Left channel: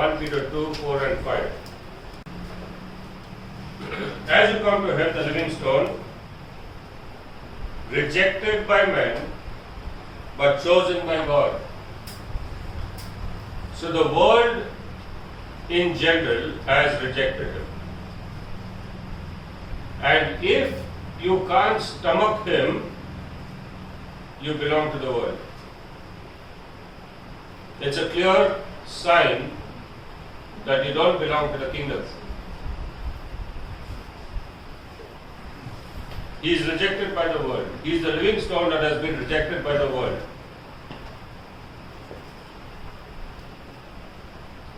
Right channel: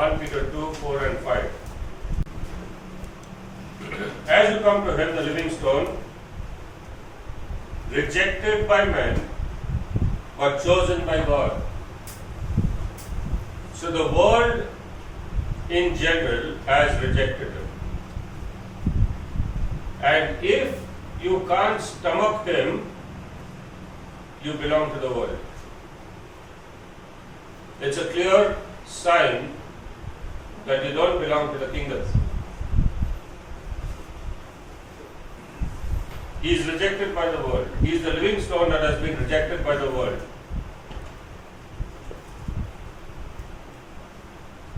1 Peter 2, 4 and 5. As you come to him, the living stone, rejected by men, but chosen by God. So the world in general has rejected him. And if you can't stomach him, you belong to the world. It's a clear sign that you don't belong to the kingdom. He is rejected by the world. He is the living stone that has been rejected by the world.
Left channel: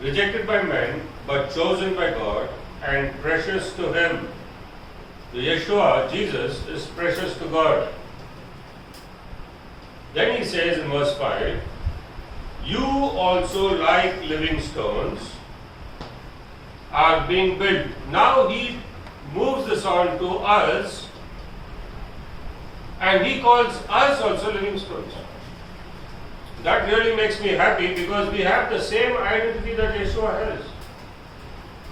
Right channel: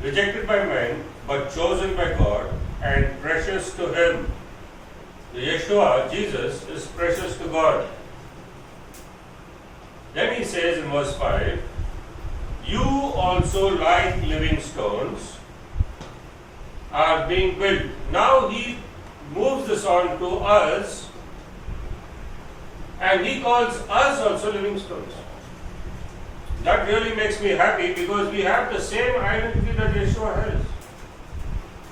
Rejected by men, but chosen by God and precious to him. The Yeshua, Jesus, is precious to God. Then he says in verse 5, you also like living stones are being built. Now he moves this on to us and he calls us also living stones. That really makes me happy because we have the same identity that Yeshua has.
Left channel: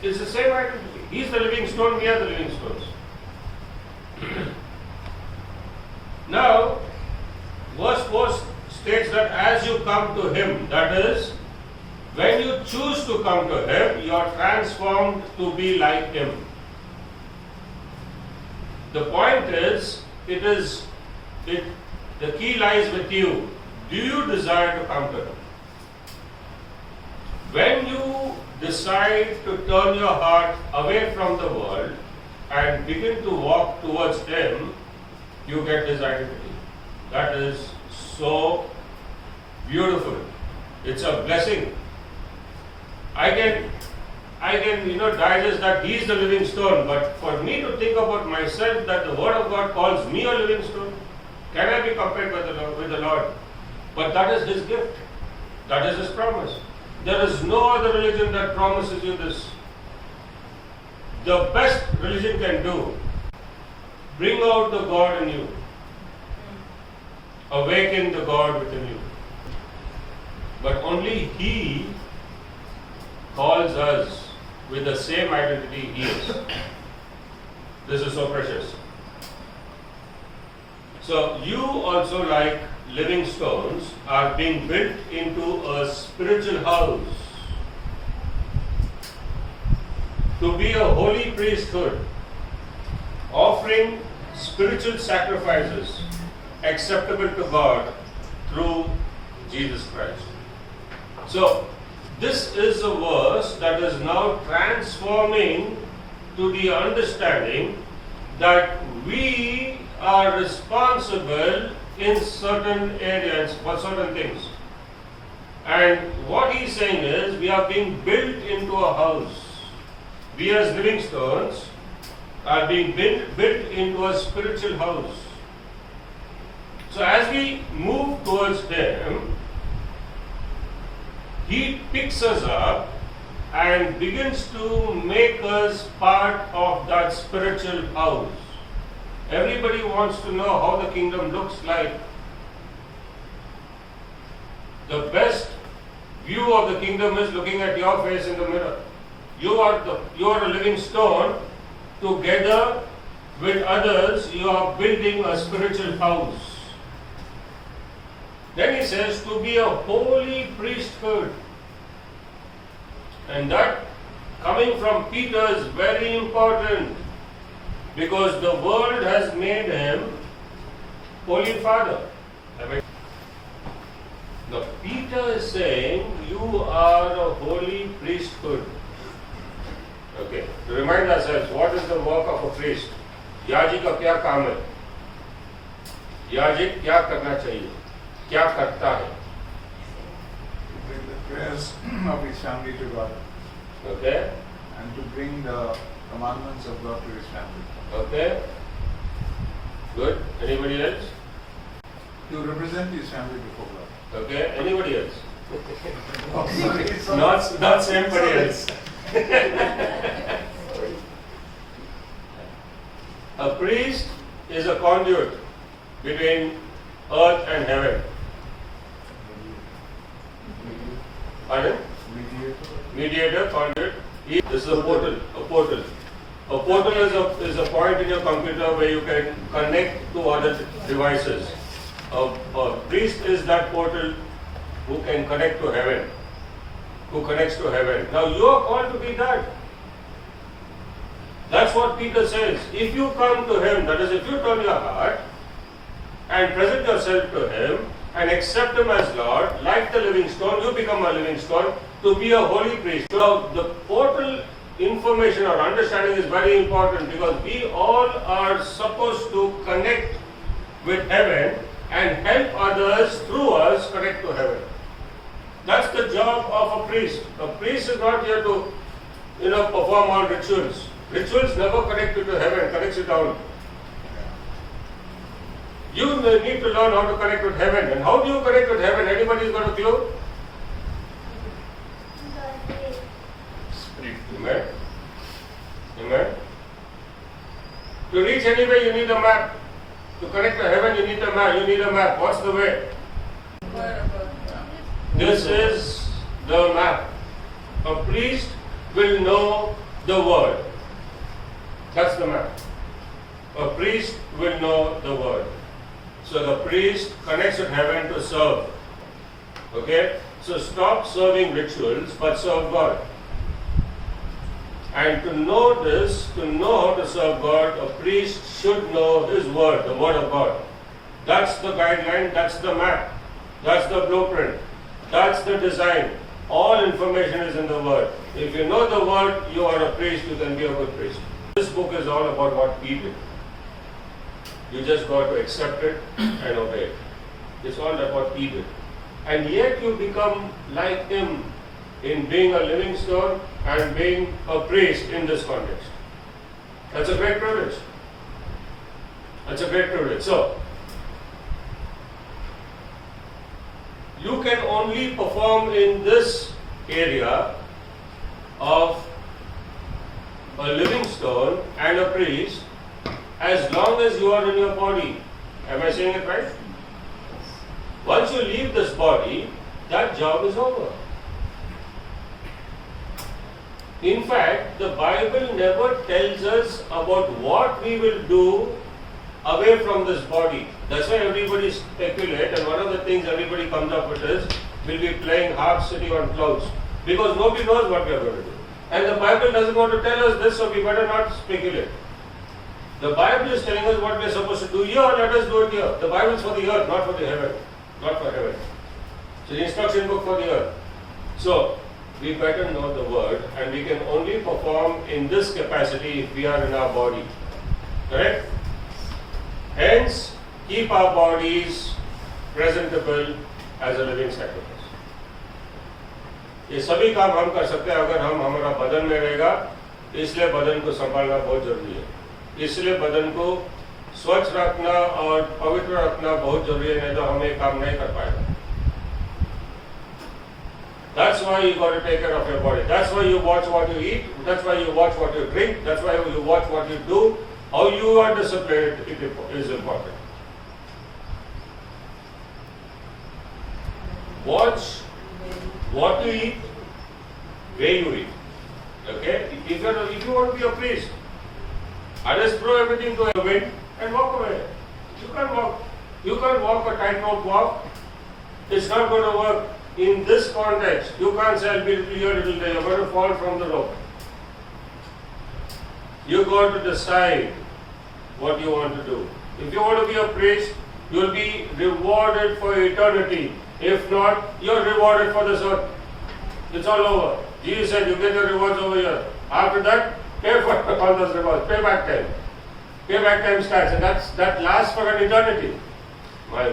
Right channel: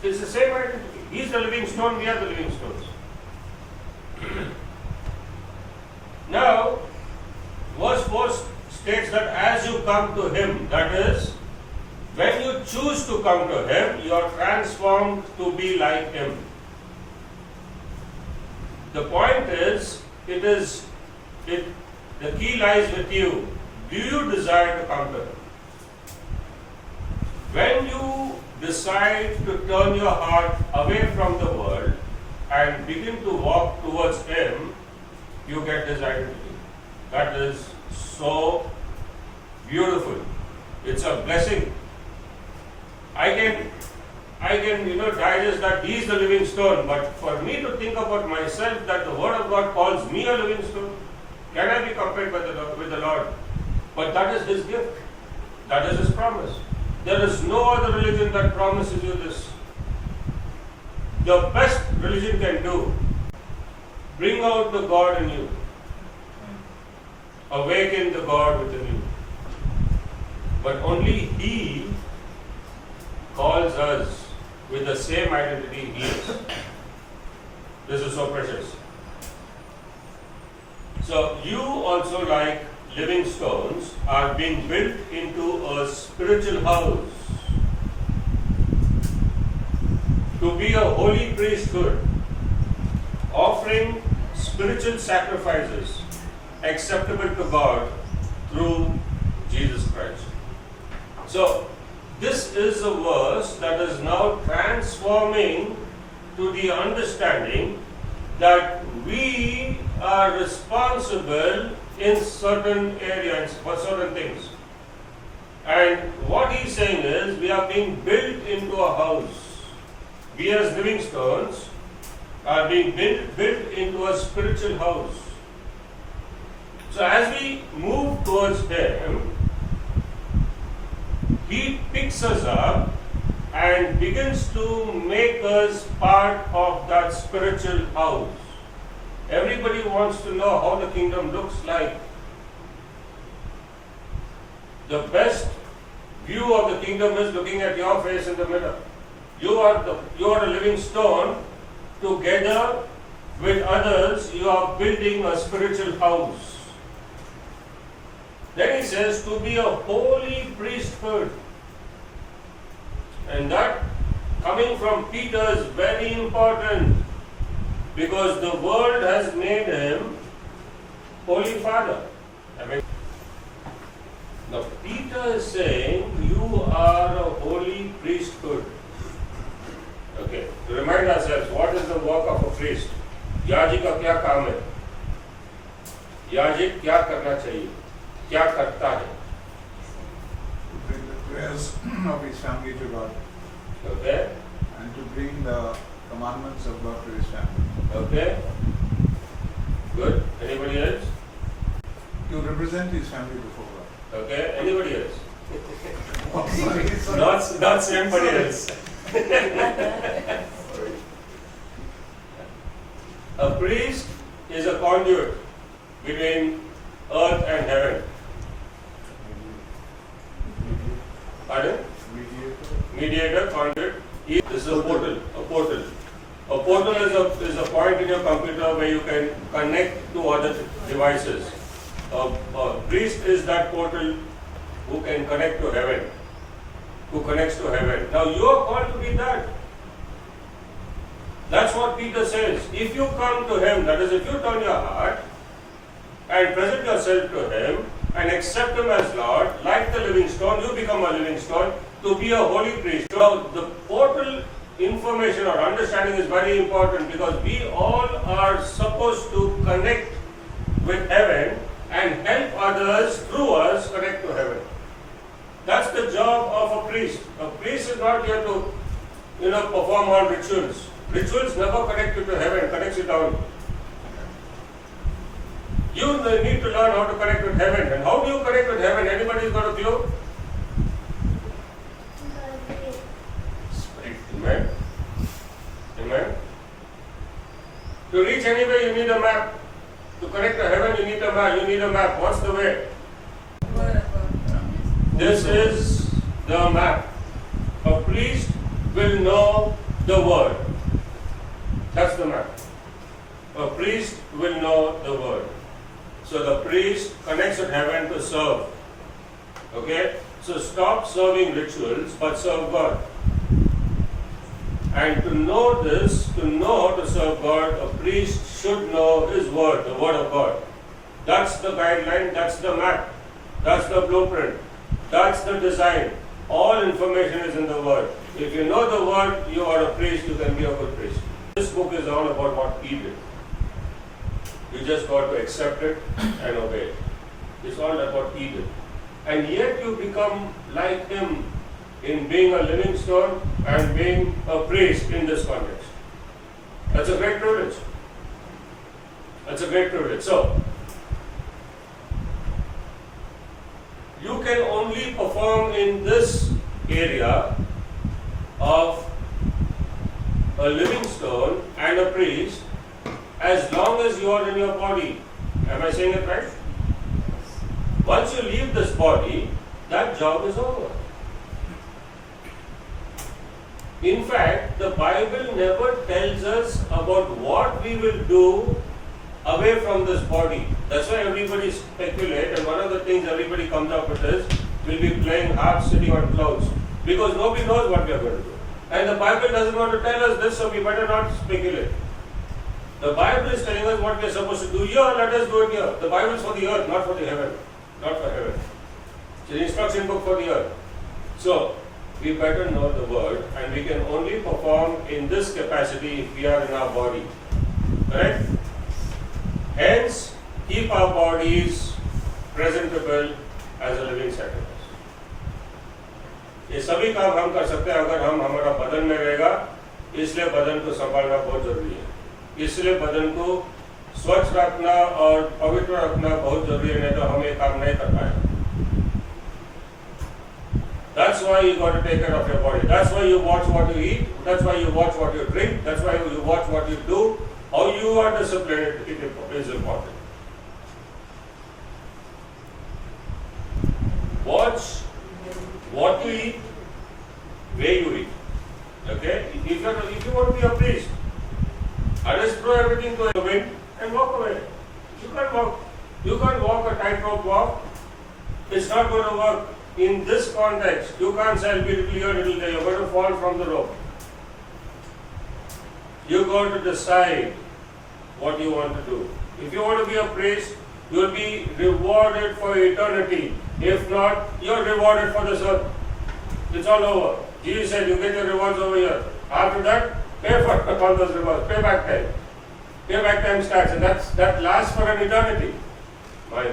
It's the same identity. He's the living stone, we are the living stones. Now, verse 4 states that as you come to him, that is, when you choose to come to him, you are transformed to be like him. The point is, the key lies with you. Do you desire to come to him? When you decide to turn your heart away from the world and begin to walk towards him, you get his identity. That is so beautiful. It's a blessing. I can digest that he is the living stone, but for me to think about myself that the word of God calls me a living stone, can I be compared with the Lord? But that is his gift. That is his promise. There is no other religion that promises you this. The best religion can do, bring out the God in you. Awaken the God within you. But only he calls us with the same identity he is. This is so precious. So you also, like living stones, are being built into a spiritual house to be a holy priesthood, offering spiritual sacrifices acceptable to God through Jesus Christ. So, this is a verse that is now transforming to the understanding that we are responsible in certain areas for certain things. And what he's saying is, we are being built into a house. We as living stones are being built into a spiritual house. So as we move towards him, he picks us up and begins to make us part of that spiritual house. Everybody wants to know how the kingdom looks like. The best view of the kingdom is looking at your face in the mirror. You are a living stone. Together with others, you are building a spiritual house. Then he says to be a holy priesthood. And that coming from Peter is very important because the world has made him Holy Father. Now Peter is saying you are a holy priesthood. Okay, to remind ourselves, what is the work of a priest? याजक का क्या काम है? याजक क्या करना चाहिए? क्या करता है? Bring the prayers of his family to God. Okay. And to bring the commandments of God to his family. Okay. Good. Anybody else? To represent his family before God. Okay. Anybody else? Oh, sorry. Not somebody else. A priest is a conduit between earth and heaven. Pardon? Mediator. mediator, conduit. This is a portal. A portal. A portal is a point in your computer where you can connect to other devices. A priest is that portal who can connect to heaven, who connects to heaven. Now you are called to be that. That's what Peter says. If you come to Him, that is, if you turn your heart and present yourself to Him and accept Him as Lord, like the living stone, you become a living stone to be a holy priest. So the portal information or understanding is very important because we all are supposed to connect with heaven and help others through us connect to heaven. That's the job of a priest. A priest is not here to, perform all rituals. Rituals never connect you to heaven, connects you down. You need to learn how to connect with heaven. And how do you connect with heaven? Anybody got a clue? Spirit. Amen. Amen. To reach anywhere, you need a map. To connect to heaven, you need a map. You need a map. What's the way? This is the map. A priest will know the word. That's the map. A priest will know the word. So the priest connects with heaven to serve. Okay? So stop serving rituals, but serve God. And to know this, to know how to serve God, a priest should know His word, the word of God. That's the guideline, that's the map, that's the blueprint, that's the design. All information is in the word. If you know the word, you are a priest, you can be a good priest. This book is all about what He did. You just got to accept it and obey it. It's all about what He did. And yet you become like Him in being a living stone and being a priest in this context. That's a great privilege. That's a great privilege. So, you can only perform in this area of a living stone and a priest as long as you are in your body. Am I saying it right? Once you leave this body, that job is over. In fact, the Bible never tells us about what we will do away from this body. That's why everybody speculates, and one of the things everybody comes up with is, we'll be playing harp sitting on clouds. Because nobody knows what we are going to do. And the Bible doesn't want to tell us this, so we better not speculate. The Bible is telling us what we are supposed to do here, let us do it here. The Bible is for the earth, not for the heaven. Not for heaven. It's an instruction book for the earth. So, we better know the word, and we can only perform in this capacity if we are in our body. Correct? Hence, keep our bodies presentable as a living sacrifice. ये सभी काम हम कर सकते हैं अगर हम हमारा बदन में रहेगा, इसलिए बदन को संभालना बहुत जरूरी है. इसलिए बदन को स्वच्छ रखना और पवित्र रखना बहुत जरूरी है, नहीं तो हम ये काम नहीं कर पाएंगे. That's why you got to take care of your body. That's why you watch what you eat. That's why you watch what you drink. That's why you watch what you do. How you are disciplined is important. Watch what you eat, where you eat. Okay? If you want to be a priest, I just throw everything to the wind and walk away. You can't walk. You can't walk a tightrope walk. It's not going to work. In this context, you can't say, I'll be little here, little there. You're going to fall from the rope. You got to decide what you want to do. If you want to be a priest, you'll be rewarded for eternity. If not, you're rewarded for this earth. It's all over. Jesus said, you get your rewards over here. After that, pay for all those rewards. Payback time. Payback time starts, and that lasts for an eternity. My.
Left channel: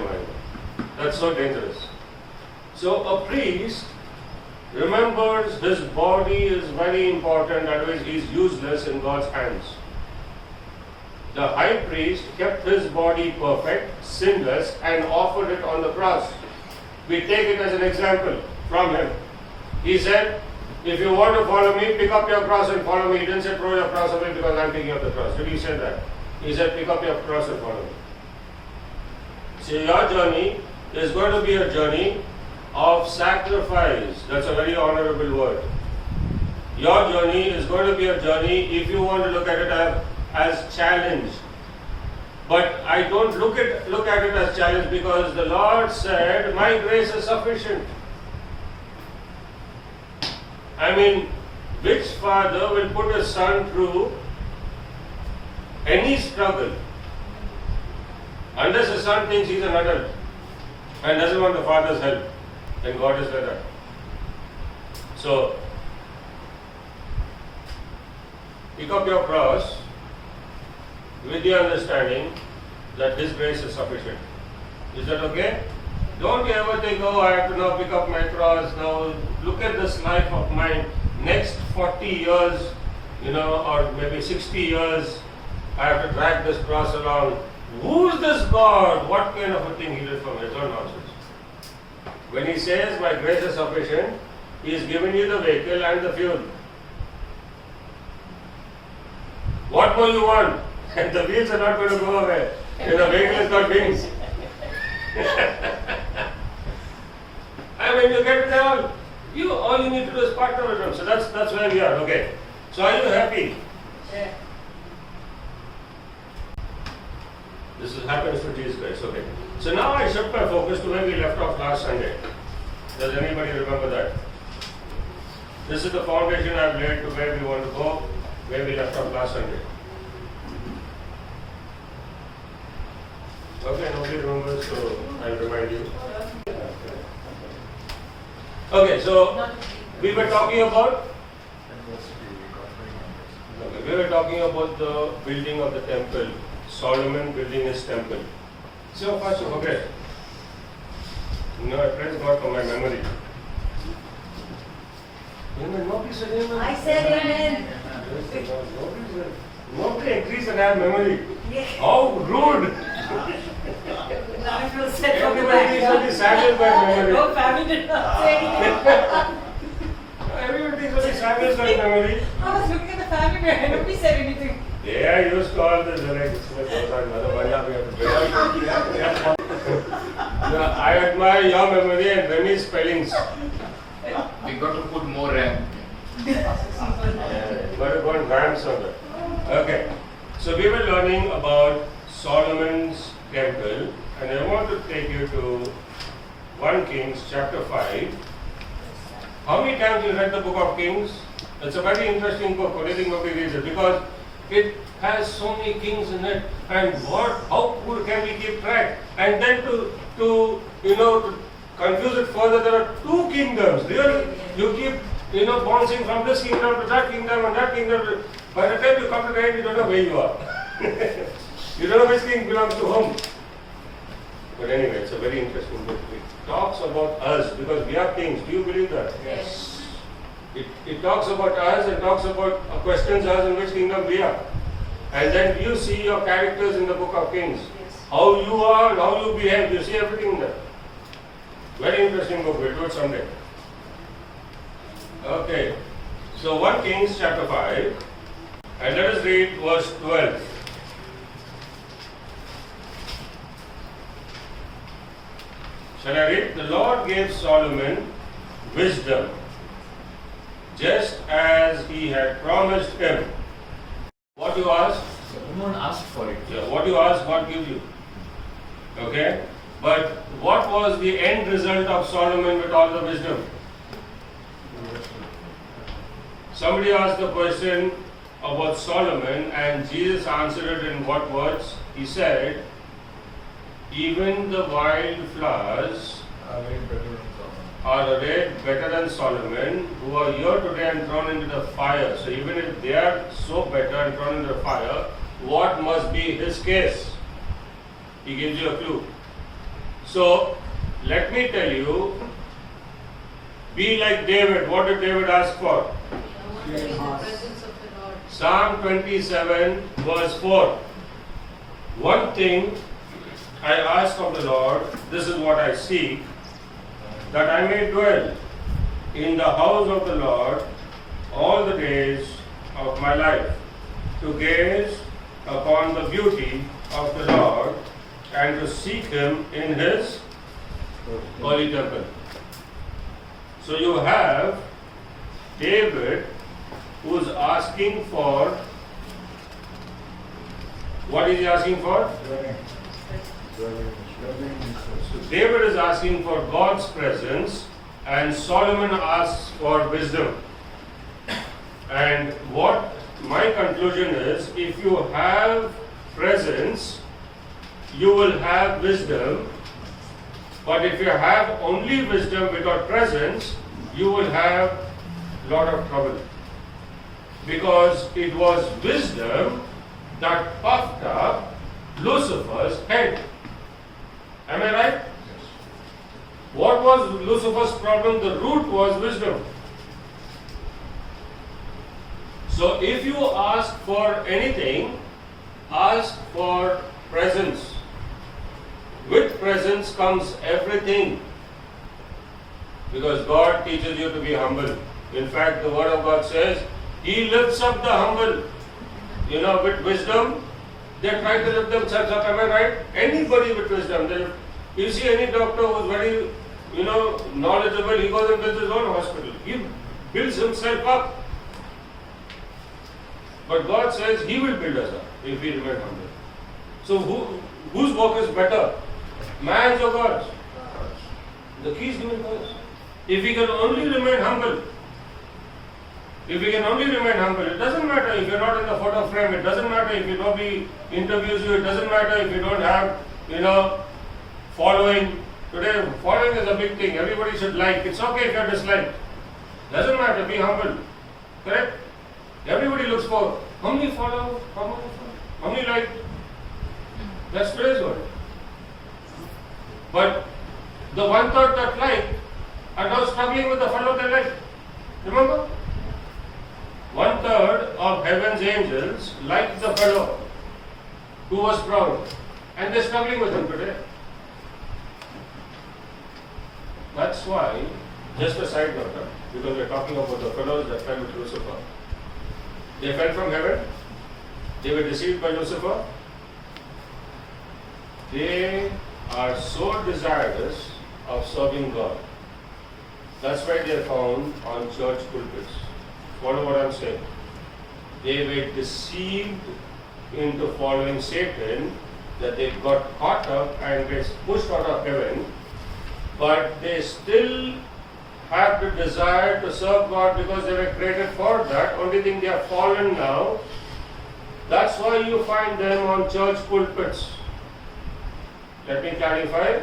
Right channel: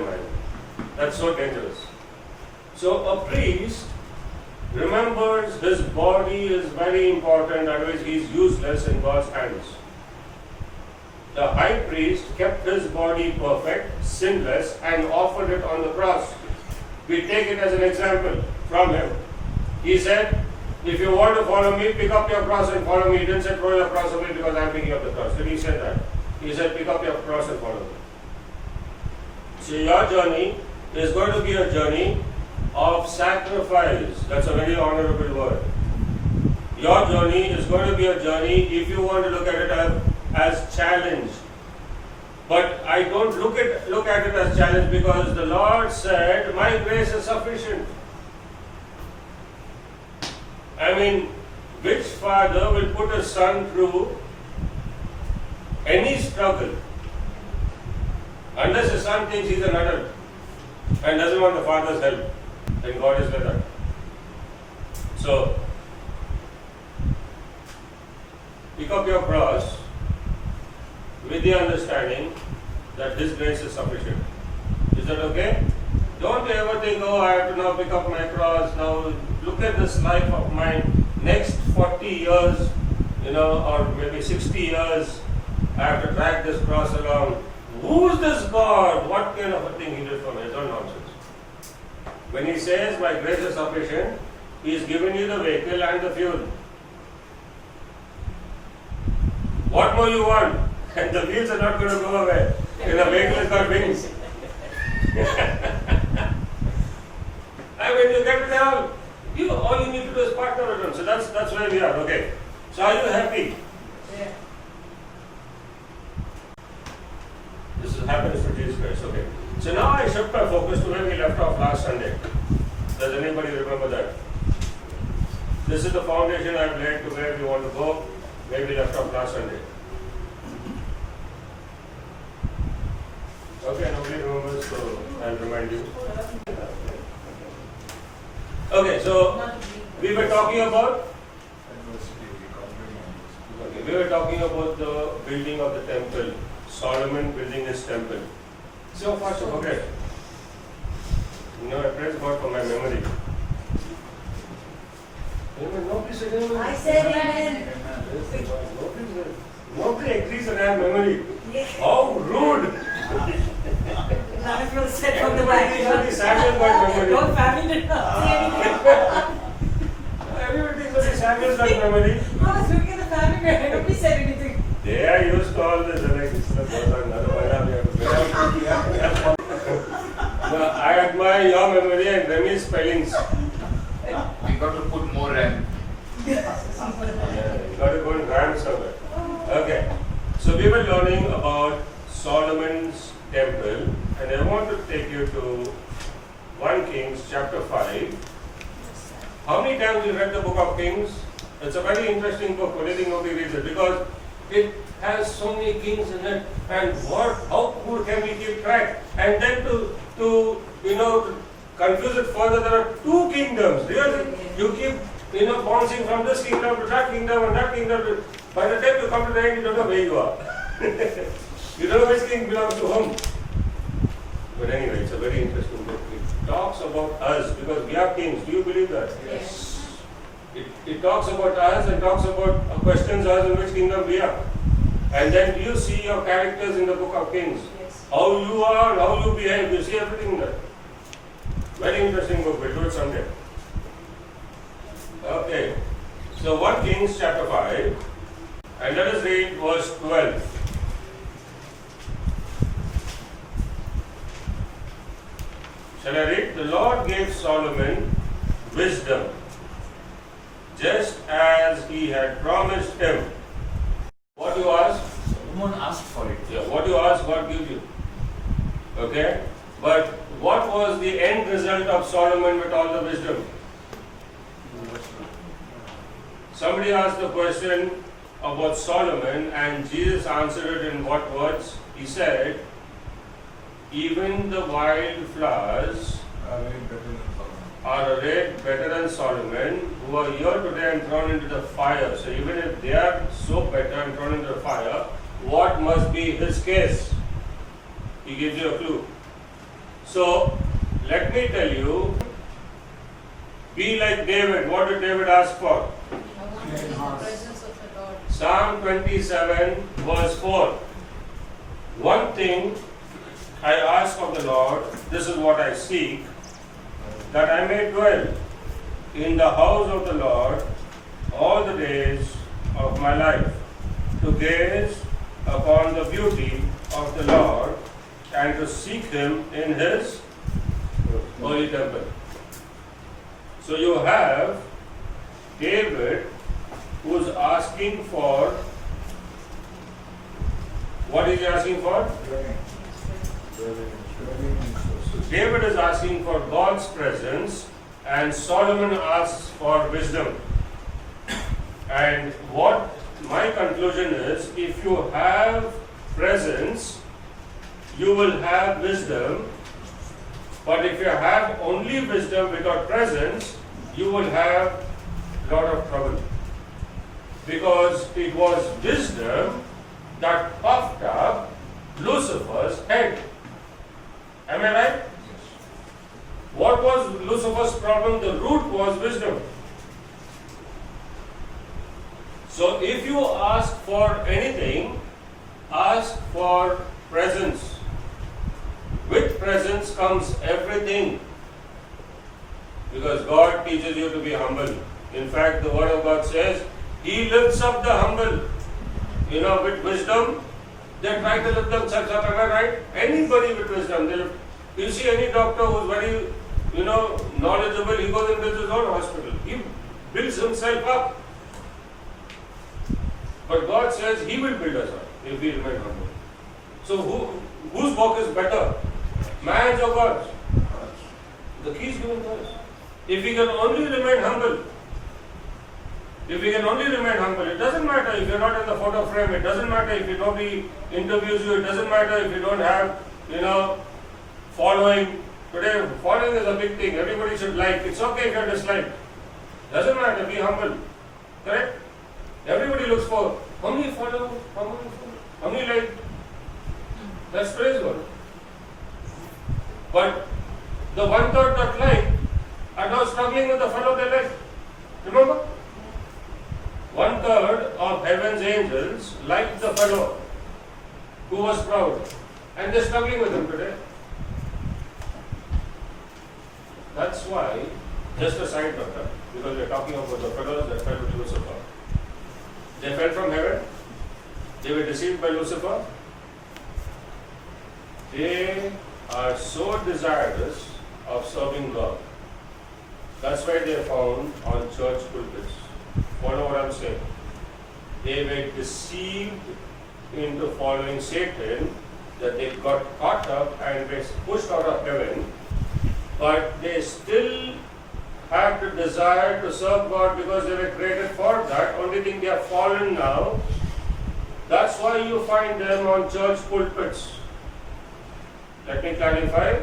That's so dangerous. So a priest remembers his body is very important, otherwise he is useless in God's hands. The high priest kept his body perfect, sinless, and offered it on the cross. We take it as an example from him. He said, if you want to follow me, pick up your cross and follow me. He didn't say throw your cross away because I'm picking up the cross. Did he say that? He said pick up your cross and follow me. So your journey is going to be a journey of sacrifice. That's a very honorable word. Your journey is going to be a journey if you want to look at it as challenge. But I don't look at it as challenge because the Lord said, my grace is sufficient. I mean, which father will put a son through any struggle unless the son thinks he's an adult and doesn't want the father's help, and God is like that. So, pick up your cross with the understanding that His grace is sufficient. Is that okay? Don't you ever think, oh, I have to now pick up my cross, now look at this life of mine, next 40 years, or maybe 60 years, I have to drag this cross along. Who's this God? What kind of a thing He did for me? It's all nonsense. When He says, my grace is sufficient, He has given you the vehicle and the fuel. What more you want? And the wheels are not going to go away. A vehicle has got wings. I mean, you get it down. All you need to do is partner with Him. So that's where we are. Okay. So are you happy? Yeah. This is happiness for Jesus Christ. Okay. So now I shift my focus to where we left off last Sunday. Does anybody remember that? This is the foundation I've laid to where we want to go, where we left off last Sunday. Okay, nobody remembers, so I'll remind you. Okay, so we were talking about the building of the temple. Solomon building his temple. See how fast you forget. I praise God for my memory. Amen. Nobody said amen. I said amen. Nobody agrees that I have memory. Yeah. How rude! Now I feel sad from the Everybody should be back. saddened by memory. No family did not say anything. Everybody should be saddened by memory. I was looking at the family and nobody said anything. They are used to all this. Like, no, I admire your memory and Remi's spellings. We got to put more RAM. Got to go and RAM somewhere. Okay. So we were learning about Solomon's temple, and I want to take you to 1 Kings chapter 5. How many times you read the book of Kings? It's a very interesting book. What do you think nobody reads it? Because it has so many kings in it, and how cool can we keep track? And then to confuse it further, there are 2 kingdoms. You keep bouncing from this kingdom to that kingdom and that kingdom. By the time you come to the end, you don't know where you are. You don't know which king belongs to whom. But anyway, it's a very interesting book. It talks about us because we are kings. Do you believe that? Yes. It talks about us and talks about questions us in which kingdom we are. And then you see your characters in the book of Kings. Yes. How you are, how you behave, you see everything there. Very interesting book. We'll do it someday. Okay. So 1 Kings chapter 5. And let us read verse 12. Shall I read? The Lord gave Solomon wisdom, just as He had promised him. What you ask? Someone asked for it. Yeah, what you ask, God gives you. Okay? But what was the end result of Solomon with all the wisdom? Somebody asked the question about Solomon, and Jesus answered it in what words? He said, even the wild flowers are arrayed better than Solomon, who are here today and thrown into the fire. So even if they are so better and thrown into the fire, what must be his case? He gives you a clue. So let me tell you, be like David. What did David ask for? Psalm 27 verse 4. One thing I ask of the Lord, this is what I seek, that I may dwell in the house of the Lord all the days of my life, to gaze upon the beauty of the Lord and to seek Him in His holy temple. So you have David asking for, what is he asking for? David is asking for God's presence, and Solomon asks for wisdom. And what my conclusion is, if you have presence, you will have wisdom. But if you have only wisdom without presence, you will have a lot of trouble. Because it was wisdom that puffed up Lucifer's head. Am I right? What was Lucifer's problem? The root was wisdom. So if you ask for anything, ask for presence. With presence comes everything. Because God teaches you to be humble. In fact, the Word of God says, He lifts up the humble. You know, with wisdom, they try to lift themselves up. Am I right? Anybody with wisdom, they lift. You see any doctor who's very, knowledgeable, he goes and builds his own hospital. He builds himself up. But God says He will build us up if we remain humble. So whose work is better? Man's or God's? The key is given to us. If we can only remain humble, it doesn't matter if you're not in the photo frame, it doesn't matter if nobody interviews you, it doesn't matter if you don't have, following. Today, following is a big thing. Everybody should like. It's okay if you're disliked. Doesn't matter, be humble. Correct? Everybody looks for how many follow, how many like. That's praise God. But the 1/3 that like are now struggling with the fellow they like. Remember? 1/3 of heaven's angels liked the fellow who was proud, and they're struggling with him today. That's why, just a side note, because we're talking about the fellows that fell with Lucifer. They fell from heaven, they were deceived by Lucifer. They are so desirous of serving God. That's why they are found on church pulpits. Follow what I'm saying. They were deceived into following Satan, that they got caught up and gets pushed out of heaven, but they still have the desire to serve God because they were created for that. Only thing, they are fallen now. That's why you find them on church pulpits. Let me clarify.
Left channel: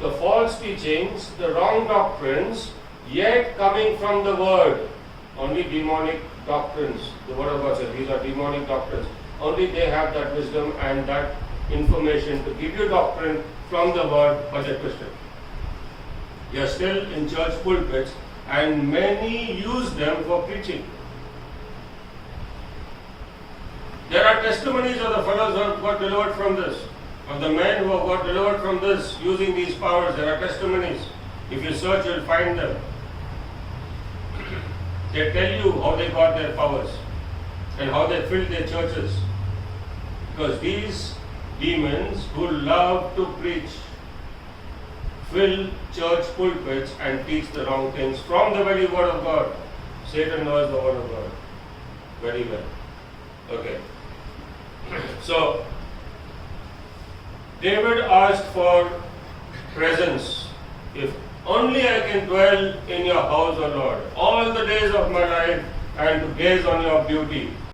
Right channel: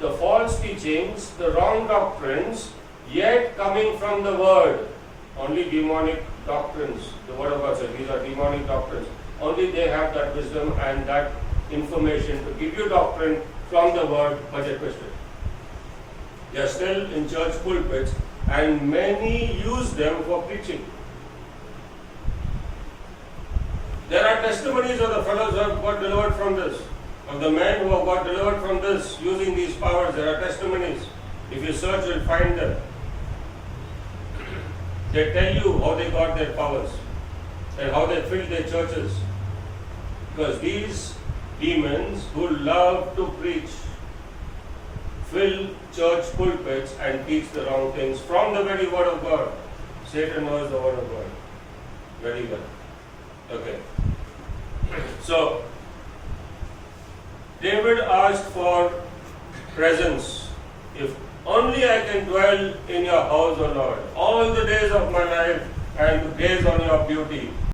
The false teachings, the wrong doctrines, yet coming from the Word. Only demonic doctrines. The Word of God says these are demonic doctrines. Only they have that wisdom and that information to give you doctrine from the Word, but they twist it. They are still in church pulpits, and many use them for preaching. There are testimonies of the fellows who have got delivered from this, of the men who have got delivered from this using these powers. There are testimonies. If you search, you'll find them. They tell you how they got their powers and how they filled their churches. Because these demons who love to preach fill church pulpits and teach the wrong things from the very Word of God. Satan knows the Word of God very well. Okay. So, David asked for presence. If only I can dwell in your house, O Lord, all the days of my life, and to gaze on your beauty.